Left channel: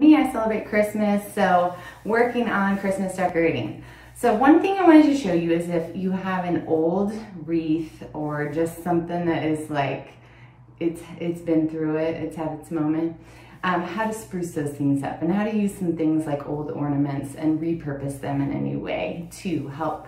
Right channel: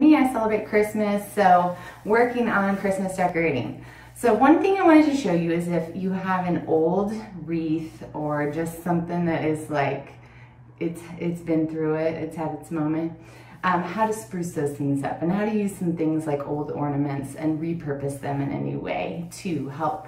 I celebrate Christmas, so working on Christmas decorating. So one thing I wanted to show you is if you have an old wreath or just something that is like, it's been through it, it's had its moment, how to spruce those things up and how to use some things like old ornaments and repurpose them in a new way to help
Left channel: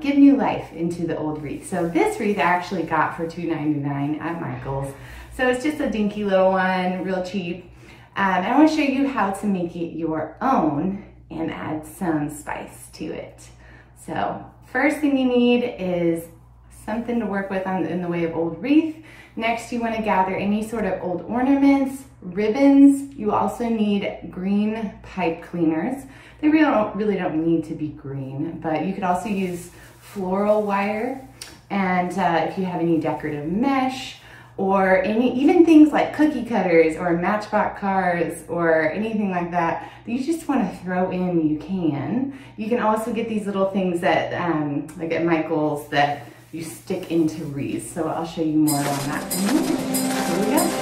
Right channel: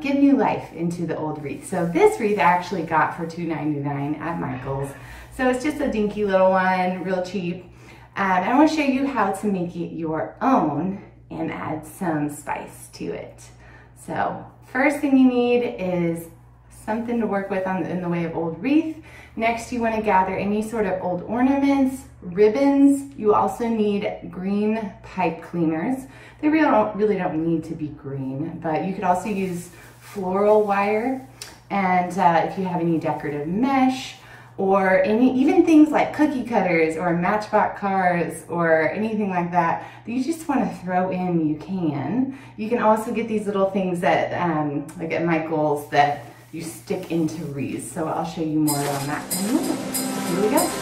give new life into the old wreath. So this wreath I actually got for $2.99 at Michael's. So it's just a dinky little one, real cheap. I want to show you how to make it your own and add some spice to it. So first thing you need is something to work with in the way of old wreath. Next, you want to gather any sort of old ornaments, ribbons. You also need green pipe cleaners. They really don't need to be green, but you could also use floral wire. And if you have any decorative mesh, or even things like cookie cutters or matchbox cars or anything like that you just want to throw in, you can. You can also get these little things that, like at Michael's, that you stick into wreaths. So I'll show you more on that. Here we go.